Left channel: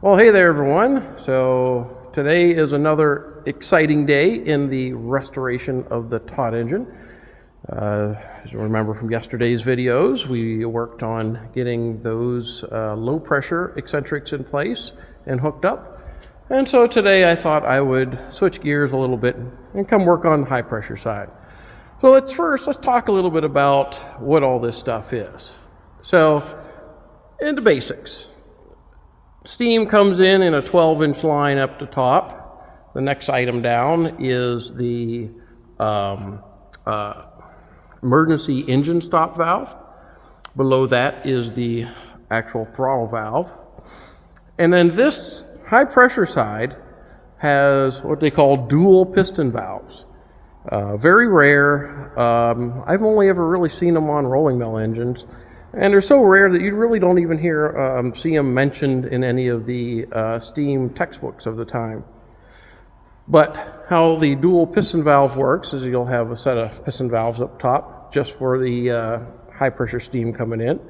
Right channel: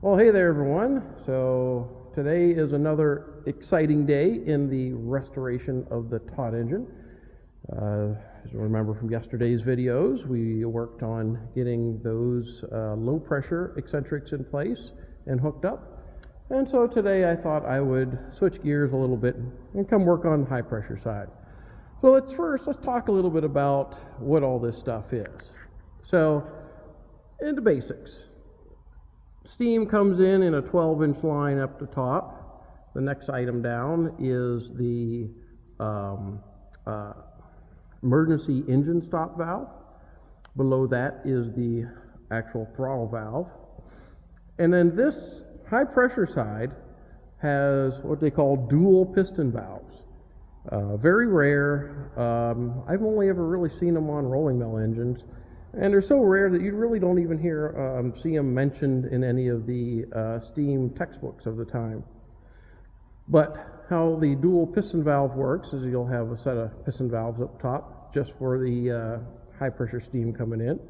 Well, hey there, everyone. So today is another exciting day in the restoration of the Todd engine. As you remember from yesterday's videos, we worked on getting those low pressure eccentrics in place and hooked up. And so today I thought I would switch gears a little bit and come work on the high pressure side. So let's talk a little bit about what all this stuff is. So, in the basics. Steam comes in a 12-inch line up the top. The next item down is the emergency engine stop valve. Below that is the actual throttle valve. And then this high pressure side has what they call dual piston valves. Very rare. I've only ever really seen them on rolling mill engines. And they're so rare that you really don't even see them mentioned in any of the steam textbooks of the time. But how the dual piston valve works is you'll have a set of piston valves up top just for the high pressure steam coming in.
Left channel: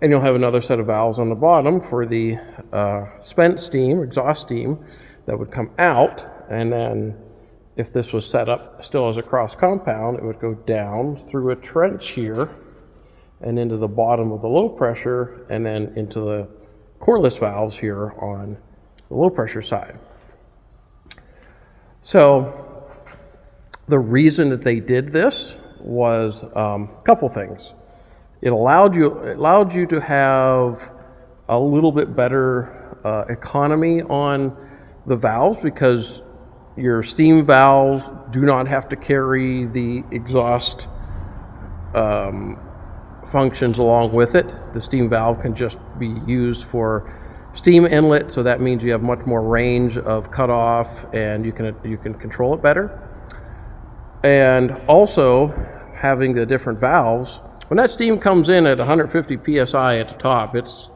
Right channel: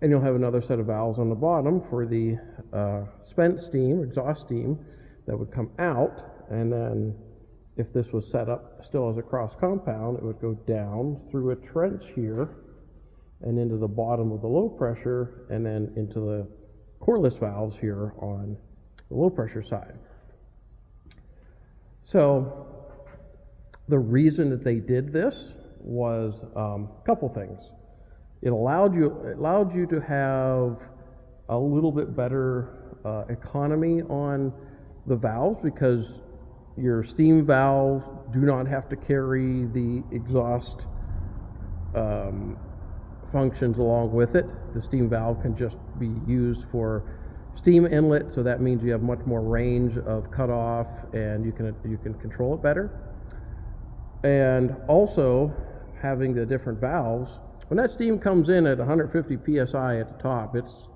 And you'll have another set of valves on the bottom for the spent steam, exhaust steam, that would come out. And then if this was set up still as a cross compound, it would go down through a trench here and into the bottom of the low pressure, and then into the coreless valves here on the low pressure side. So the reason that they did this was a couple things. It allowed you to have a little bit better economy on the valves, because your steam valves do not have to carry the exhaust functions along with it. The steam valve can just be used for steam inlet, so that means you have much more range of cutoff and you can control it better. And also, having the different valves, when that steam comes in at 150 psi at the top, it's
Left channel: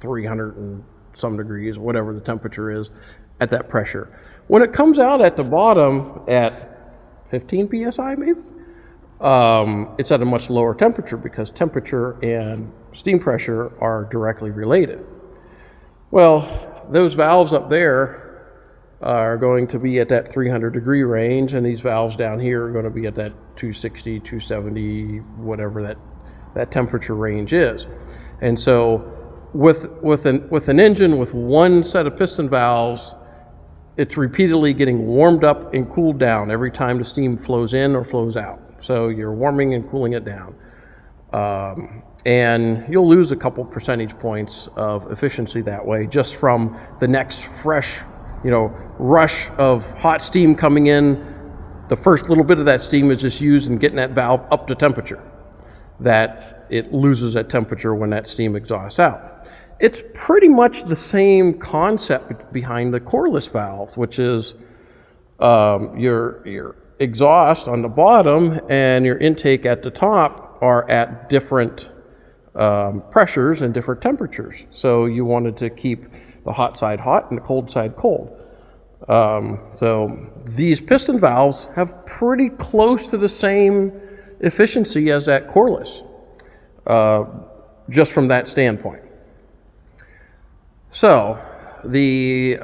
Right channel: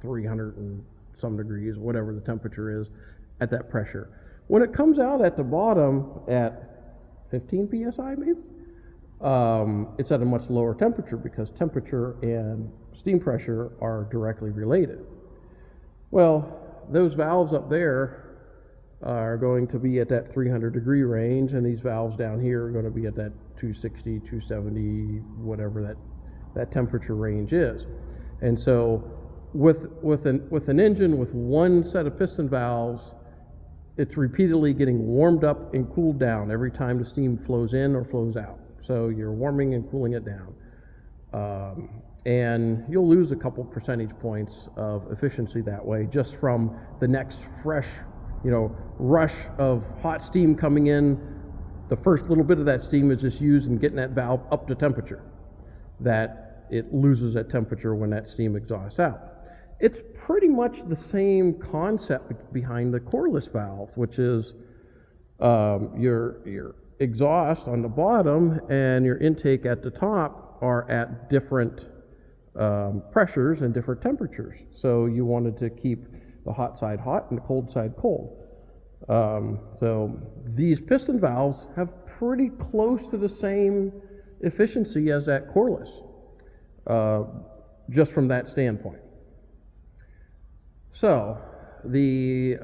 300 and some degrees, whatever the temperature is at that pressure. When it comes out at the bottom at 15 psi maybe, it's at a much lower temperature, because temperature and steam pressure are directly related. Well, those valves up there are going to be at that 300 degree range, and these valves down here are going to be at that 260, 270, whatever that temperature range is. And so with an engine with one set of piston valves, it's repeatedly getting warmed up and cooled down every time the steam flows in or flows out. So you're warming and cooling it down. And you'll lose a couple percentage points of efficiency that way, just from the next fresh, rush of hot steam coming in. The first little bit of that steam is just used in getting that valve up to temperature, that it loses that temperature when that steam exhausts out. It's pretty much the same concept behind the coreless valve, which is your exhaust on the bottom and your intake at the top are at different pressures and different temperatures. So you wanted to keep the hot side hot and the cold side cold. So these piston valves have pretty close to the same efficiency as that coreless, just from that standpoint. So the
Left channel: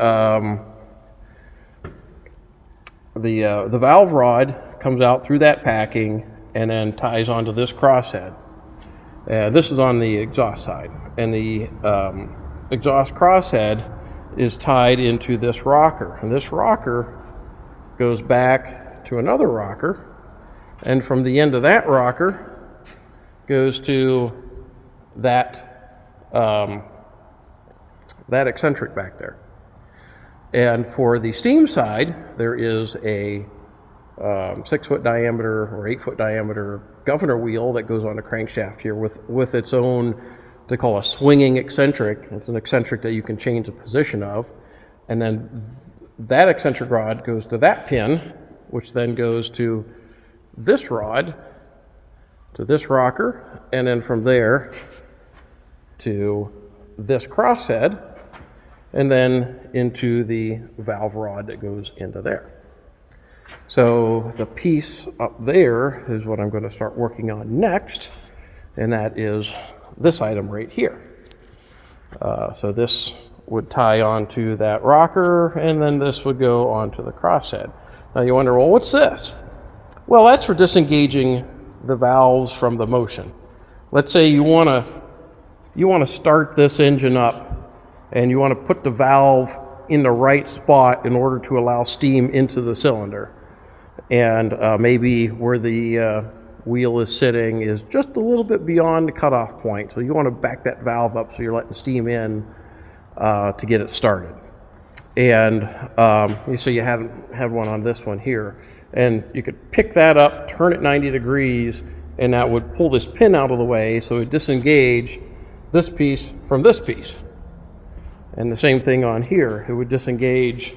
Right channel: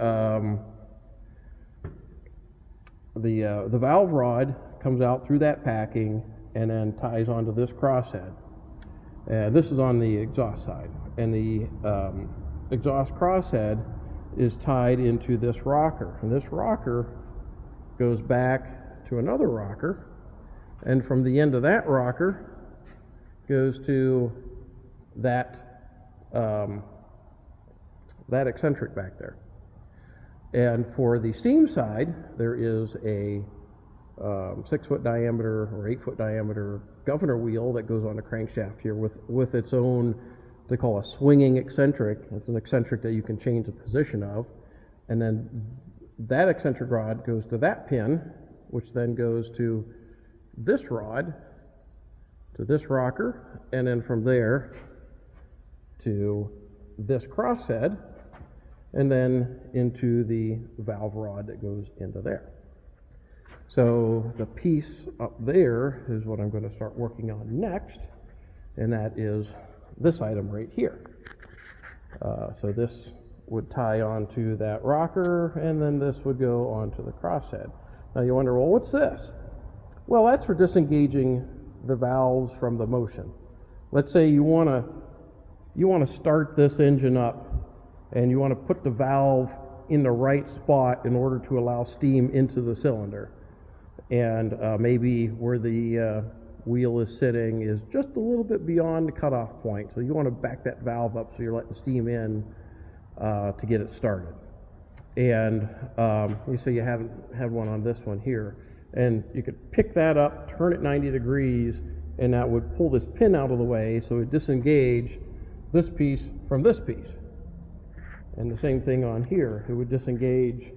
valve rod comes out through that packing and then ties onto this crosshead. This is on the exhaust side, and the exhaust crosshead is tied into this rocker, and this rocker goes back to another rocker, and from the end of that rocker goes to that eccentric back there. And for the steam side, there is a 6-foot diameter or 8-foot diameter governor wheel that goes on the crankshaft here with its own, they call a swinging eccentric. It's an eccentric that you can change the position of. And then that eccentric rod goes to that pin, which then goes to this rod, to this rocker, and then from there to this crosshead, and then into the valve rod that goes into there. So the piece up there is what I'm going to start working on next, and that is this item right here. So this would tie onto that rocker, and then this would go onto the crosshead. Now you wonder, well, what's this? Well, that's for disengaging the valves from the motion. Let's say you want to start this engine up, and you want to put the valve in the right spot in order to allow steam into the cylinder. And maybe where the wheel is sitting is just a little bit beyond the cutoff point. So you want to back that valve up so you're letting steam in to get it started. And so you have one on this one here. And you could pick that up, turn it 90 degrees, and that would pull this pin out of the way so it would disengage this piece from this piece. And the same thing on here. It would disengage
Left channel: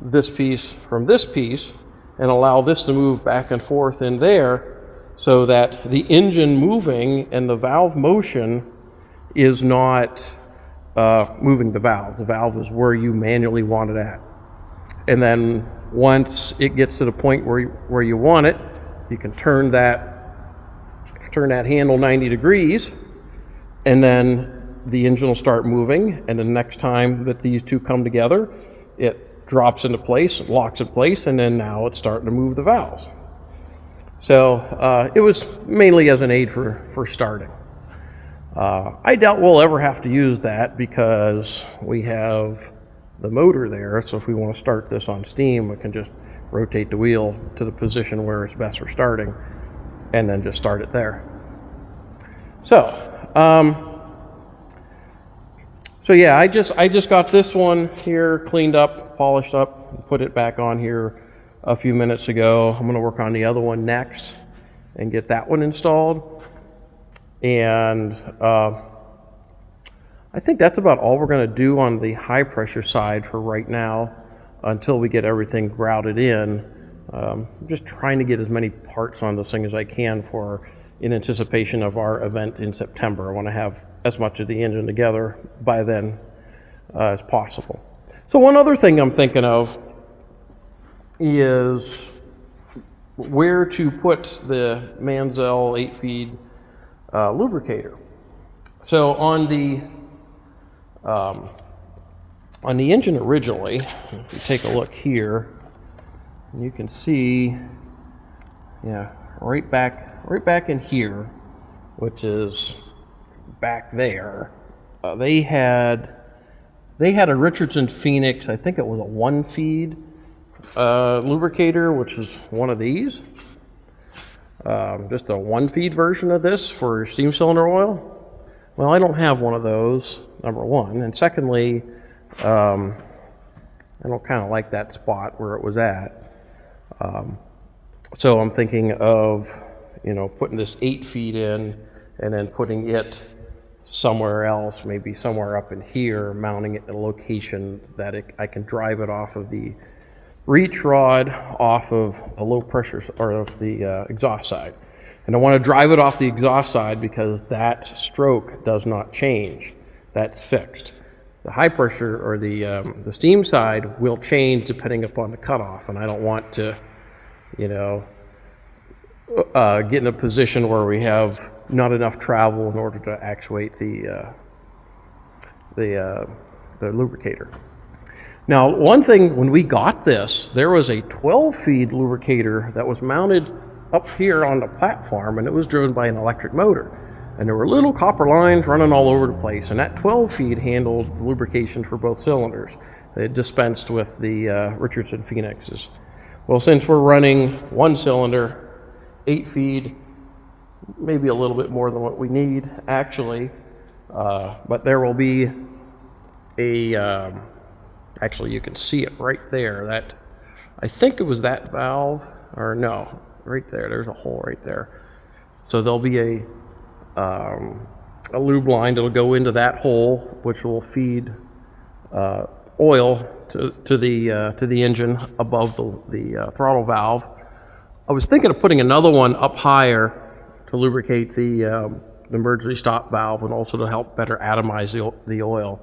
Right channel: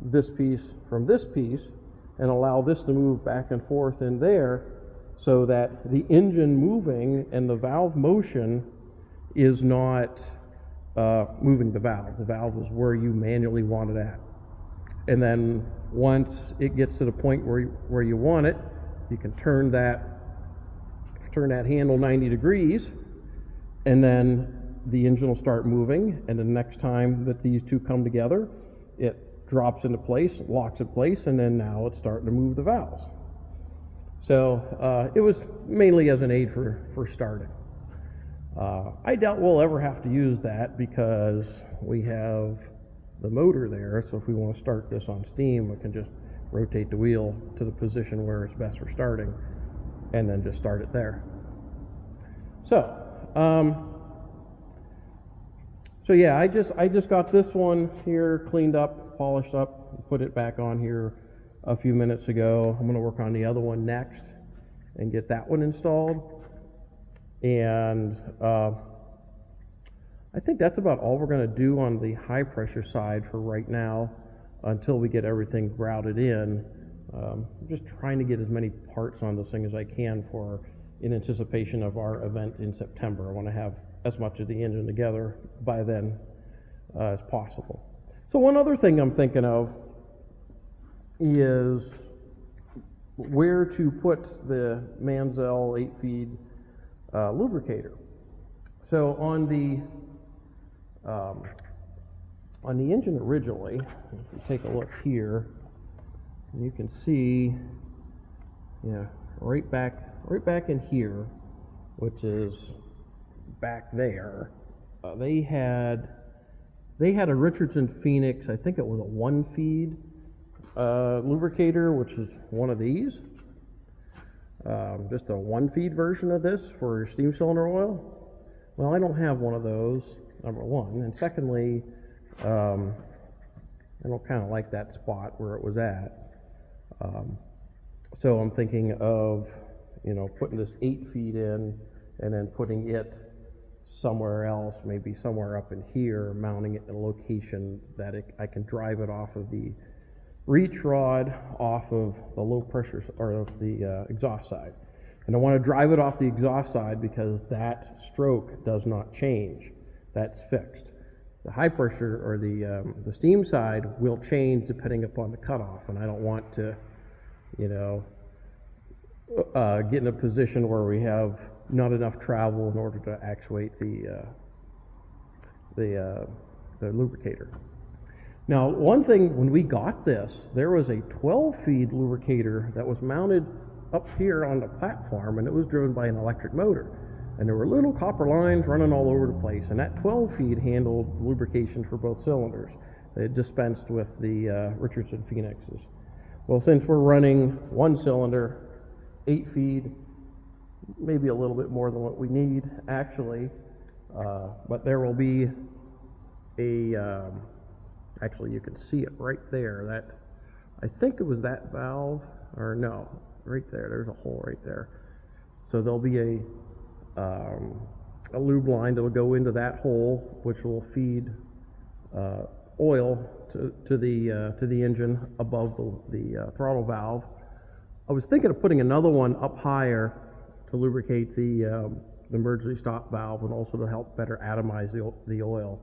this piece from this piece and allow this to move back and forth in there so that the engine moving and the valve motion is not moving the valve. The valve is where you manually want it at. And then once it gets to the point where you want it, you can turn that handle 90 degrees, and then the engine will start moving, and the next time that these two come together, it drops into place, locks in place, and then now it's starting to move the valves. So it was mainly as an aid for starting. I doubt we'll ever have to use that because we have the motor there, so if we want to start this on steam, we can just rotate the wheel to the position where it's best for starting and then just start it there. So yeah, I just got this one here cleaned up, polished up, put it back on here a few minutes ago. I'm going to work on the other one next and get that one installed. And I think that's about all we're going to do on the high pressure side for right now until we get everything grouted in. I'm just trying to get as many parts on this thing as I can in anticipation of our event in September. I want to have as much of the engine together by then as possible. So one other thing I'm thinking of is where to put the Mansell 8-feed lubricator. So on the engine originally, if you take a look here, you can see, yeah, right back in here, which is back there, they had a Richardson Phoenix, I think it was a 1-feed lubricator, which is one of these. Just a 1-feed version of this for steam cylinder oil. Well, I don't have one of those, number one. And secondly, I don't kind of like that spot where it was at. So I'm thinking of, putting this 8-feed in and then putting it somewhere else, maybe somewhere up in here, mounting it in a location that I can drive it off of the reach rod, off of the low pressure, or of the exhaust side. And I want to drive it off the exhaust side because that stroke does not change. That's fixed. The high pressure or the steam side will change depending upon the cutoff, and I don't want to, get in a position where we have not enough travel in order to actuate the lubricator. Now, one thing, when we got this, there was a 12-feed lubricator that was mounted up here on the platform, and it was driven by an electric motor. And there were little copper lines running all over the place, and that 12-feed handled lubrication for both cylinders. They dispensed with the Richardson Phoenixes. Well, since we're running one cylinder, 8-feed, maybe a little bit more than what we need, actually, but there will be a, actually you can see it right there, that, I think it was that valve, or no, right there, there's a hole right there. So there'll be a lube line that'll go into that hole, which will feed oil to the engine above the throttle valve. I was thinking of putting another one up higher to lubricate the emergency stop valve and also to help better atomize the oil.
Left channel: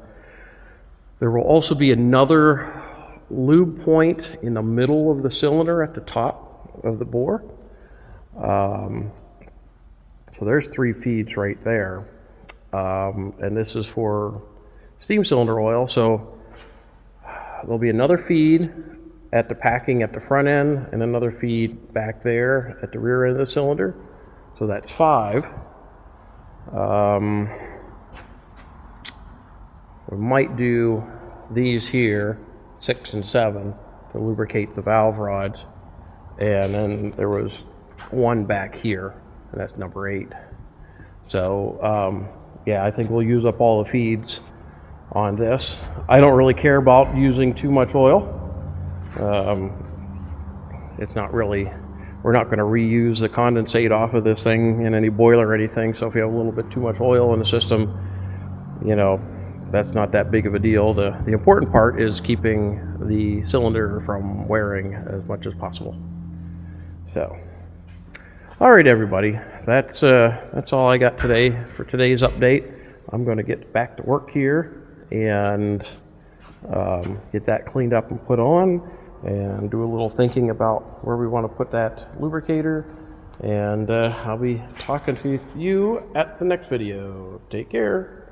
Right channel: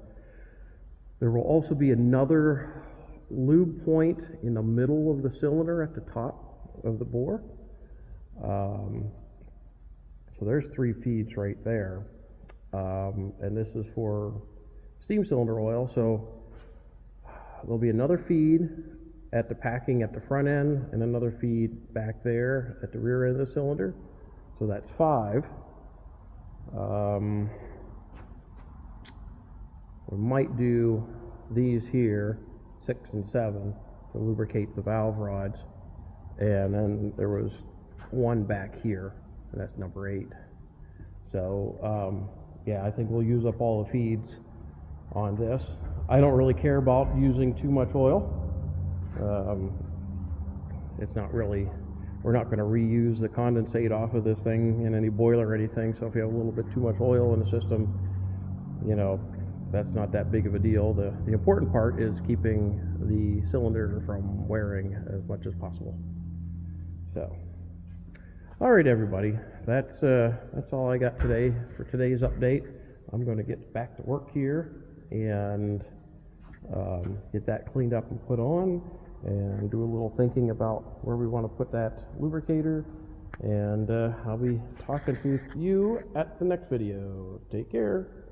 There will also be another lube point in the middle of the cylinder at the top of the bore. So there's 3 feeds right there. And this is for steam cylinder oil. So there'll be another feed at the packing at the front end and another feed back there at the rear end of the cylinder. So that's 5. We might do these here, 6 and 7, to lubricate the valve rods. And then there was one back here, and that's number 8. So yeah, I think we'll use up all the feeds on this. I don't really care about using too much oil. It's not really, we're not going to reuse the condensate off of this thing in any boiler or anything. So if you have a little bit too much oil in the system, you know, that's not that big of a deal. The important part is keeping the cylinder from wearing as much as possible. So, all right, everybody, that's all I got today for today's update. I'm going to get back to work here and get that cleaned up and put on, and do a little thinking about where we want to put that lubricator. And I'll be talking to you at the next video. Take care.